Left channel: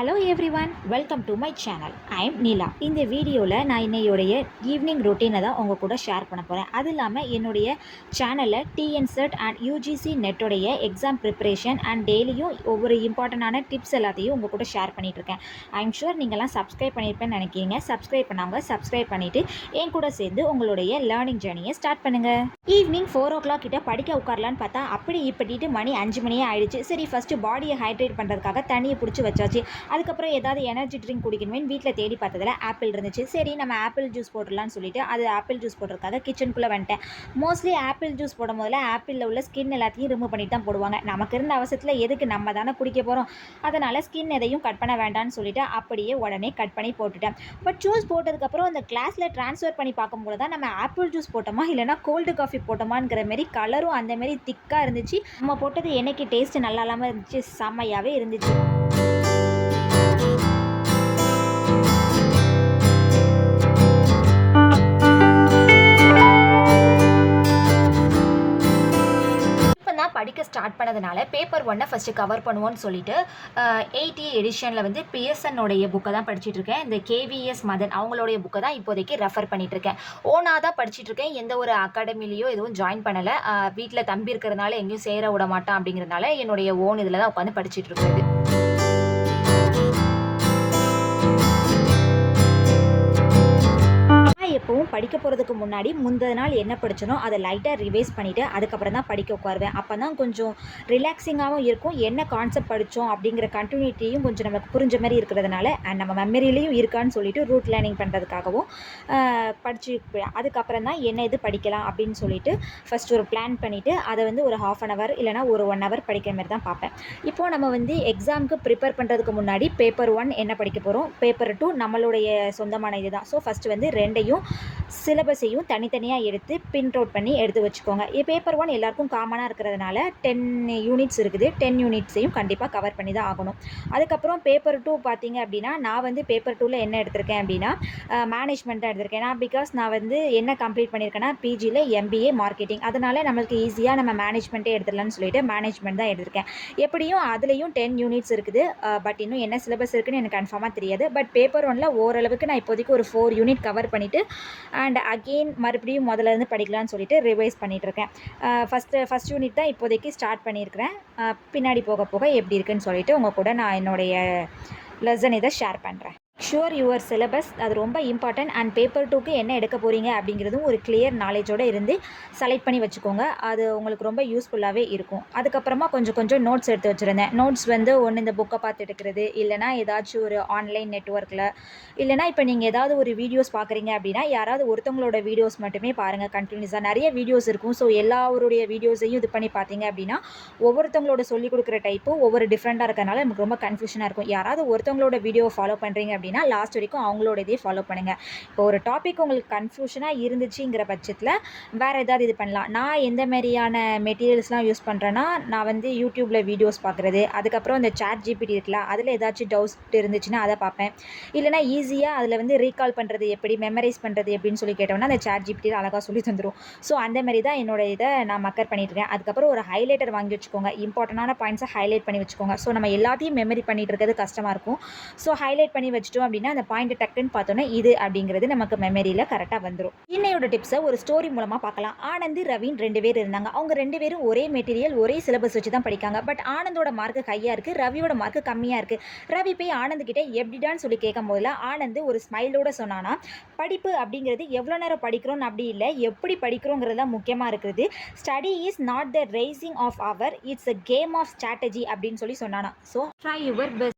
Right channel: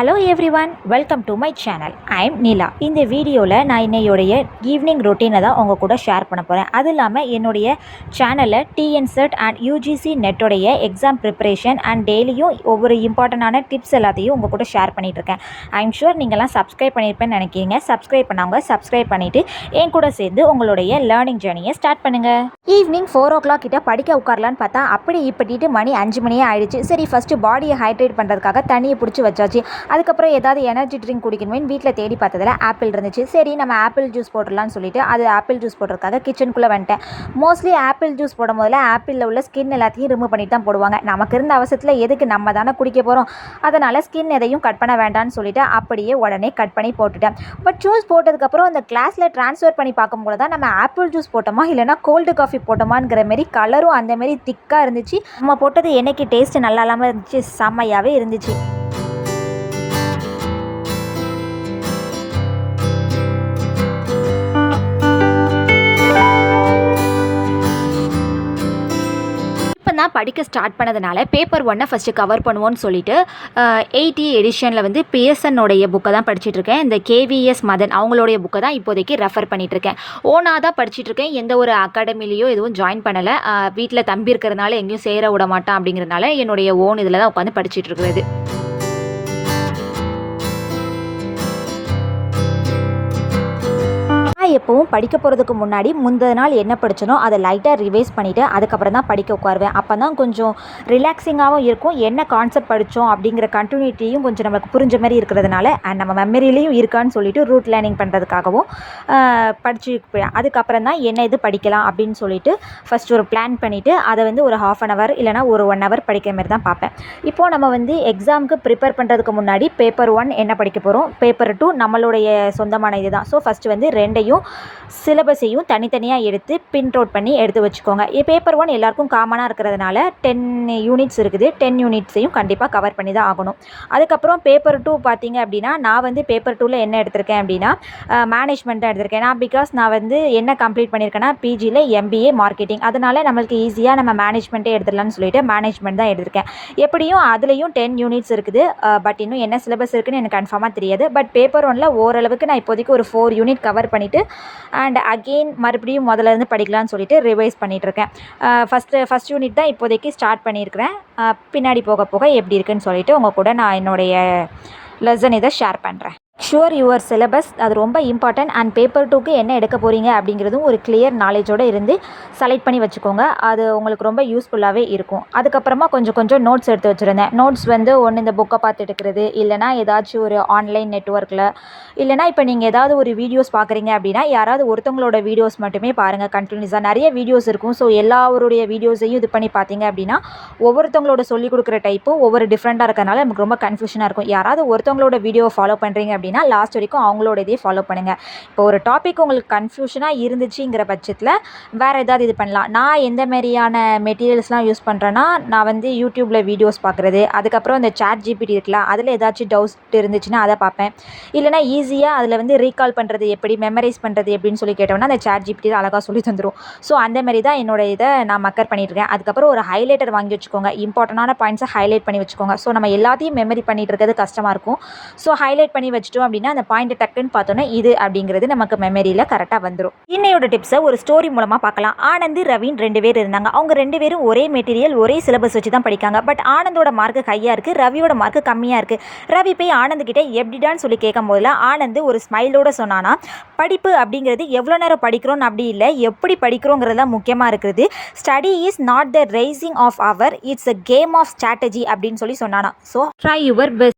Hello everyone, welcome to my channel. I am Neela. இந்த வீடியோவில் நான் என்னையோடைய ஈவினிங் ரொட்டீனை தான் உங்கள் கூட ஷேர் பண்ண போகிறேன். அது இல்லாமல் என்னுடைய சேனலில் டிஎன்செட் அண்ட் யூஜிசி நெட்டோடைய எக்ஸாம் ப்ரிப்பரேஷன் அண்ட் டெய்லியும் ஒவ்வொரு இம்பார்ட்டண்டான டிப்ஸ் எல்லாத்தையும் உங்கள் கூட ஷேர் பண்ணிகிட்ருக்கேன். ஐ எம் ஷூர் நீங்கள்லாம் சப்ஸ்கிரைப் பண்ணியிருப்பேன்னு நினைக்கிறீங்க. சப்ஸ்கிரைப் பண்ணவங்க சப்ஸ்கிரைப் பண்ணிவிட்டு என் கூட சேர்ந்து உங்களுடைய லேர்னிங் ஜேர்னியை ஸ்டார்ட் பண்ணுங்கள். ஈவினிங் 4 o'clock கிட்ட படிக்க உட்காரலான்னு பார்த்தா அப்படி இப்படிட்டு மணி 5 மணியே ஆயிடுச்சு. சரி, ஃபஸ்ட்டு பாடியை ஹைட்ரேட் பண்ணுறதுக்காக தண்ணியை பிடிச்சி வச்சாச்சு. அதுக்கப்புறம் ஏதாவது எனர்ஜி ட்ரிங்க் குடிக்கணுமே வீட்டில் தேடி பார்த்ததில் ஆப்பிள் இருந்துச்சு. சரி, நம்ம ஆப்பிள் ஜூஸ் போட்டுடலான்னு சொல்லிட்டு அது ஆப்பிள் ஜூஸ் போடுறதுக்காக கிச்சனுக்குள்ளே வந்துட்டேன். மோஸ்ட்லி ஆப்பிள் ஜூஸ் போடும் போதில் ஆப்பிளில் உள்ள ஸ்கின் எல்லாத்தையும் ரிமூவ் பண்ணிட்டு தான் போடுவாங்க. நமக்கு இருந்த அவசரத்தில் எதுக்கு, நம்ம தானே குடிக்க போகிறோம், அதனால் ஸ்கின் எதையும் கட் பண்ண வேண்டாம்னு சொல்லிட்டு அப்படியே உடனே கட் பண்ணி போட்டுட்டேன். பட் ஜூஸ் போட்டதுக்கப்புறம் அந்த கிளாஸில் ட்ரான்ஸ்ஃபர் பண்ணி பார்க்கும்போது தான் நம்ம ஆப்பிள் ஜூஸ் போட்டோமா இல்லைனா கோல்டு காஃபி போட்டோமாங்கிற மாரி கலரும் அந்த மாரி திக்காக இருந்துச்சு. நம்ம போட்டது என்னைக்கு டேஸ்ட்டு நல்லா இல்லாமல் இருந்துச்சு, செம்மையாகவே இருந்துச்சு. படிக்க ஸ்டார்ட் பண்ணதுனால பேப்பர் 1 ஃபஸ்ட்டு கவர் பண்ணுவோன்னு சொல்லிட்டு 80 எடிஷனில் வந்து பிஎஸ்என்னுடைய புக்கை தான் படிச்சுட்ருக்கேன். இந்த கேவிஎஸ் மதன் அவங்களுடைய புக்கை தான் இப்போதைக்கு ரெஃபர் பண்ணிகிட்ருக்கேன். ஓனாக தான் படிச்சுட்ருக்கேன். எந்த ஒரு அகாடமிலையோ எதுவும் ஜாயின் பண்ணலை. வீட்டில் தம்பி இருக்கிறதுனால எங்கேயும் சேர விட மாட்டான் அப்படிங்கிறதுனால என்னுடைய ஓன் இதில் தான் உட்காந்து படிச்சுட்ருக்குறது. எப்பவும் படிக்க போகிறதுக்கு முன்னாடி முந்தின நாள் என்ன படித்தனோ அதை லைட்டாக ரிவைஸ் பண்ணிவிட்டு அதுக்கப்புறம் தான் படிக்க உட்காருவேன். அப்போ தான் கொஞ்சம் ரிலாக்ஸிங்காகவும் இருக்கும். என்ன கான்செப்ட் படித்தோம் அப்படிங்கிற கண்டினியூட்டியும் கொஞ்சம் நமக்கு புரிஞ்ச மாதிரி இருக்கிறதுனால அண்ட் நம்ம மெமரிலையும் இருக்கான்னு சொல்லிட்டு ரூட் லேர்னிங் பண்ணுறதுக்காகவும் படித்து அதுக்கப்புறம் தான் என்ன இது படிக்கலாம் அப்படின்னு சொல்லிட்டு ஃபஸ்ட் ஒரு பிளான் பண்ணிவிட்டு அதை வந்து ஒரு 1/2 hour இல்லைனா ஒரு 1 hour படிக்கிற மாதிரி தான் பார்ப்பேன். இப்போது நம்ம வந்து எக்ஸாமுக்கு ப்ரிப்பேர் பண்ணுறதுக்கு முன்னாடி பேப்பர் 1 என்ன படிக்க போகிறோம், பேப்பர் 2 நம்மளுடைய சொந்தமான இது தான். ஸோ ஃபஸ்ட்டு வந்து ரெண்டையும் சிலபஸையும் தனித்தனியாக எடுத்து பிரிண்ட் அவுட் பண்ணி எடுத்து வச்சுக்கோங்க. பேப்பர் 1 எல்லாருக்கும் காமனாக இருக்கிறதுனால 10 யூனிட்ஸ் இருக்குது. 10 யூனிட்ஸையும் கண்டிப்பாக கவர் பண்ணி தான் ஆகணும். அதுக்கப்புறம் பேப்பர் 2 பார்த்தீங்க அப்படின்னா நான் வந்து பேப்பர் 2ல் என்ன எடுத்திருக்கேன் அப்படின்னா மேனேஜ்மெண்ட் தான் எடுத்திருக்கேன். பிகாஸ் நான் வந்து என்ன கம்ப்ளீட் பண்ணியிருக்கேன்னா பிஜியில் எம்பிஏ மார்க்கெட்டிங், அதனால் நம்மளுக்கு ஈஸியாக நம்ம மேனேஜ்மெண்ட்டே எடுத்துடலாம்னு சொல்லிட்டு மேனேஜ்மெண்ட் தான் எடுத்திருக்கேன். எப்படியும் அதுலேயும் 10 யூனிட்ஸ் இருக்குது. பட் இன்னும் என்ன சிலபஸ் இருக்குதுன்னு எனக்கு கன்ஃபார்மாக தெரியாது. பட் பேப்பர் 1ல் ஓரளவுக்கு நான் இப்போதைக்கு ஒரு 4 யூனிட் கவர் பண்ணிவிட்டு அண்ட் அகெயின் மறுபடியும் முதல்லேருந்து படிக்கலான்னு சொல்லிட்டு ரிவைஸ் பண்ணிகிட்ருக்கேன். ஃபஸ்ட் யூனிட் தான் இப்போதைக்கு ஸ்டார்ட் பண்ணியிருக்கிறேன். பின்னாடி போக போக எப்படி இருக்குன்னு சொல்லிட்டு உங்கள் கூட நான் என்னுடைய லெசன் இதை ஷேர் பண்ணுறேன். ஷுவர் யுவர் சிலபஸ் அது ரொம்ப இம்பார்ட்டன்ட். அண்ட் பேப்பர் 2க்கு என்ன எடுக்க போகிறீங்க அப்படிங்கிறதும் ஒரு கிளியர் நாலேஜோடு இருந்து செலக்ட் பண்ணி வச்சுக்கோங்க. அது உங்களுக்கு ரொம்ப யூஸ்ஃபுல்லாகவே இருக்கும். அதுக்கப்புறமா கொஞ்சம் நோட்ஸ் எடுத்து வச்சுருந்தேன். நோட்ஸ் வந்து ஒன்று இந்த புக்கை பார்த்து எடுக்கிறது, இல்லைனா ஏதாச்சும் ஒரு ஆன்லைன் நெட்ஒர்க்கில், இல்லைனா இப்போ நீங்கள் ஏதாவது ஒரு வீடியோஸ் பார்க்குறீங்க அப்படின்னா யாராவது ஒருத்தவங்களோட வீடியோஸ் மட்டுமே பாருங்கள். கண்டினியூஸாக நிறைய வீடியோஸ் இருக்கும். ஸோ எல்லாருடைய வீடியோஸையும் இது பண்ணி பார்த்தீங்க அப்படின்னா ஒவ்வொருத்தவங்களோட சொல்லிக் கொடுக்குற டைப்பும் ஒவ்வொரு டிஃப்ரெண்ட்டாக இருக்கிறனால நமக்கு ரொம்ப கன்ஃபியூஷனாக இருக்கும். யாராவது ஒருத்தவங்களோட வீடியோவை ஃபாலோ பண்ணுறீங்க அப்படின்னா லாஸ்ட் வரைக்கும் அவங்களோட இதே ஃபாலோ பண்ணுங்கள். இப்போ ஒரு டாபிக் உங்களுக்கு கன்ஃபியூஷனாக இருந்துச்சுங்கிற பட்சத்தில் வேறு ஏதாவது இது பண்ணலாம். நான் எந்த மாதிரியான மெட்டீரியல்ஸ்லாம் யூஸ் பண்ணுறேன்னா நான் வந்து யூடியூப்பில் வீடியோஸ் பார்க்குறது, அதுக்கப்புறம் இந்த சாட் ஜிபிடி இருக்குல்ல அதில் ஏதாச்சும் டவுட்ஸ் இருந்துச்சுன்னா அதை பார்ப்பேன். இல்லைனா ஈஸியாக அதில் வந்து ரீகால் பண்ணுறது எப்படி, மெமரைஸ் பண்ணுறது எப்படின்னு சொல்லி கேட்டோம்னா அந்த சாட் ஜிபிடி அழகாக சொல்லி தந்துடும். ஸோ அந்த மாதிரி தான் என்னோட இதை நான் மக்கர் பண்ணிட்டுருக்கேன். அதுக்கப்புறம் ஒரு ஹைலைட்டர் வாங்கி வச்சுக்கோங்க. இம்பார்ட்டண்டான பாயிண்ட்ஸை ஹைலைட் பண்ணி வச்சுக்கோங்க. ஸோ நம்ம எல்லாத்தையும் மெமரி பண்ணிட்டு இருக்கிறது கஷ்டமாக இருக்கும். ஸோ ஹைலைட் பண்ணி வச்சுட்டோம் அப்படின்னா அந்த பாயிண்ட்டை டக்குன்னு பார்த்தோன்னா இது அப்படிங்கிறது நமக்கு மெமரியில் கரெக்டாக வந்துடும். இன்னையோட டிப்ஸை ஒரு ஸ்டோரி மூலமாக பார்க்கலாம். ஆனந்த் ரவீன் 2 பேர் இருந்தாங்க. அவங்க 2 பேரும் ஒரே மெட்டீரியல் ஒரே சிலபஸ் வச்சு தான் படிக்காங்க. பட் ஆனந்தோட மார்க்கு ஹையாக இருக்குது, ரவியோட மார்க்கு கம்மியாக இருக்குது. ரவி போய் ஆனந்த் கிட்டே எப்படிடான்னு சொல்லி கேட்கும் போதில் ஆனந்த் ஒரு ஸ்மைலோட சொன்னானா, படிப்பு அப்படிங்கிறது எவ்வளோ நேரம் படிக்கிறோன்னு அப்படி இல்லை, எப்படி படிக்கிறோங்கிறது தான் முக்கியமாக இருக்குது. Study is not the rising of hour, it's a game of strategy அப்படின்னு சொல்லி சொன்னானா. So try your best.